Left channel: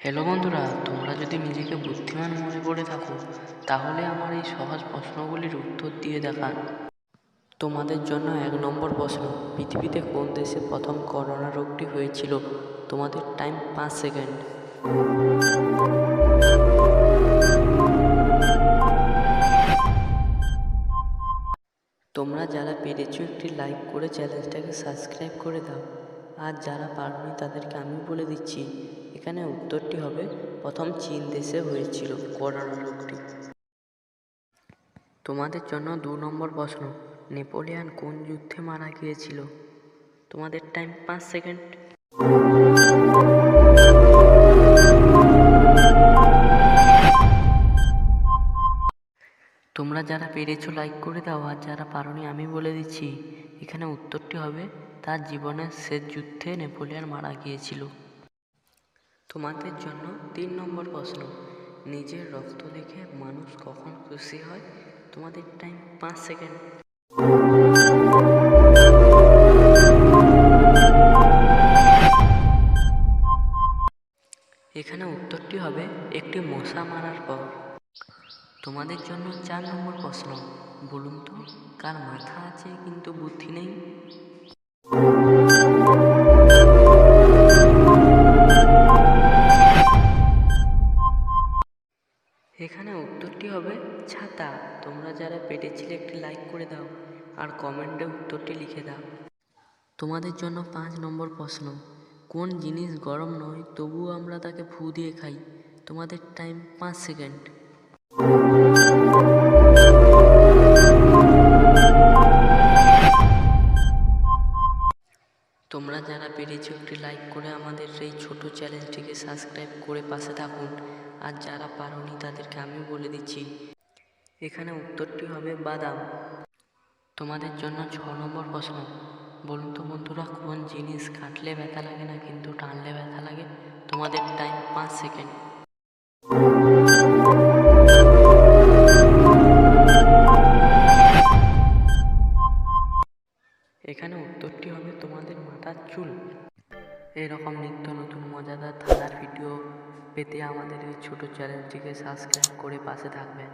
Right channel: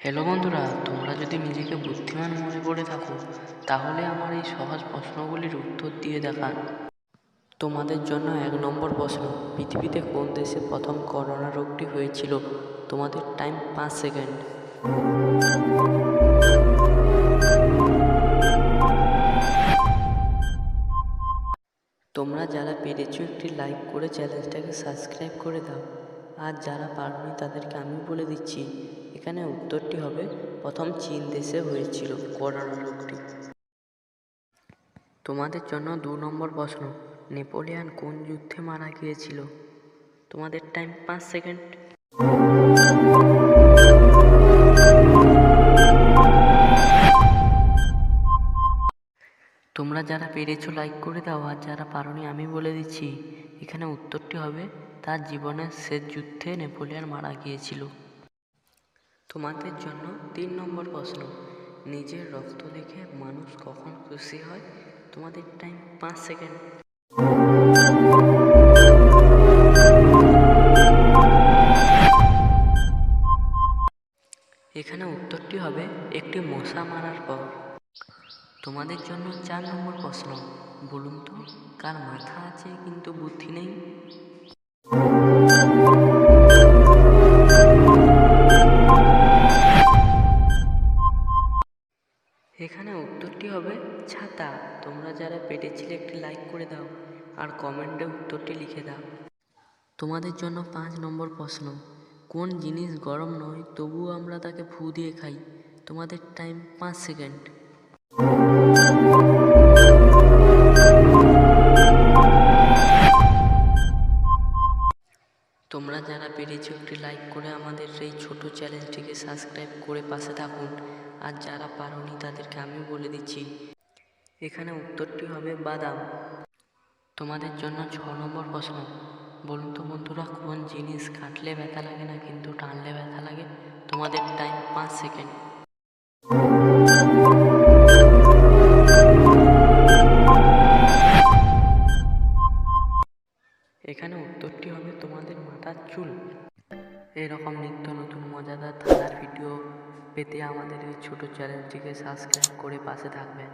Hello বন্ধুরা, তোমরা যদি নিজেকে বুদ্ধিমান মনে করে থাকো তাহলে আমার এই সহজ প্রশ্নগুলির উত্তর দিয়ে দেখান। তোমাদের জন্য 1 নম্বর প্রশ্ন, পৃথিবীতে কোন দেশে প্রথম করোনা রোগটি হয়েছিল? তোমাদের টাইম 5 সেকেন্ড। তোমরা যারা পেরেছো একটি লাইক করে চ্যানেলটাকে সাবস্ক্রাইব করে দাও, আর যারা পারোনি তাদেরকে আমি বলে দিচ্ছি, এখানে উত্তরটি হবে প্রথম চীন দেশে হয়েছিল করোনা রোগটি। তোমাদের জন্য 2 নম্বর প্রশ্ন, নেপোলিয়ান কোন যুদ্ধে মারা গিয়েছিল? তোমাদের টাইম 5 সেকেন্ড। তোমরা যারা পেরেছো লাইক করে দাও, আর যারা পারোনি আমি বলে দিচ্ছি, এখানে উত্তরটি হবে তার জীবনের শেষ যুদ্ধে নেপোলিয়ান মারা গিয়েছিল। তোমাদের জন্য 3 নম্বর প্রশ্ন, নিজের রক্ত দেখে মানুষ কখন খুশি হয়? তোমাদের টাইম 5 সেকেন্ড। এখানে উত্তরটি হবে একটি মশা মারার পর। তোমাদের জন্য 4 নম্বর প্রশ্ন, বলুন তো কার মাথা আছে কিন্তু বুদ্ধি নেই? এখানে উত্তরটি হবে ছাতা। তোমরা যারা পেরেছিলে একটি লাইক করে দাও, আর কমেন্টে উত্তরটি লিখে দাও। তোমাদের জন্য 5 নম্বর প্রশ্ন, কোন জিনিস গরম নয় তবুও আমরা তাকে ফু দিয়ে খাই? তোমাদের টাইম 5 সেকেন্ড। তোমরা যারা পেরেছো একটি লাইক করে আমাদের এই ছোট চ্যানেলটিকে সাবস্ক্রাইব করে পাশে থাকুন, আর যারা পারোনি তাদেরকে আমি বলে দিচ্ছি, এখানে উত্তরটি হবে বাদাম। তোমাদের জন্য 6 নম্বর প্রশ্ন, বলুন তো বন্ধুরা কোন জিনিস কাটলে ব্যথা লাগে না কিন্তু টানলে ব্যথা লাগে? তোমাদের টাইম 5 সেকেন্ড। এখানে উত্তরটি হবে তোমাদের মাথার চুল। এরকম নিত্য নতুন মজাদার ধাঁধার ভিডিও পেতে আমাদের এই ছোট চ্যানেলটিকে সাবস্ক্রাইব করে পাশে থাকবেন।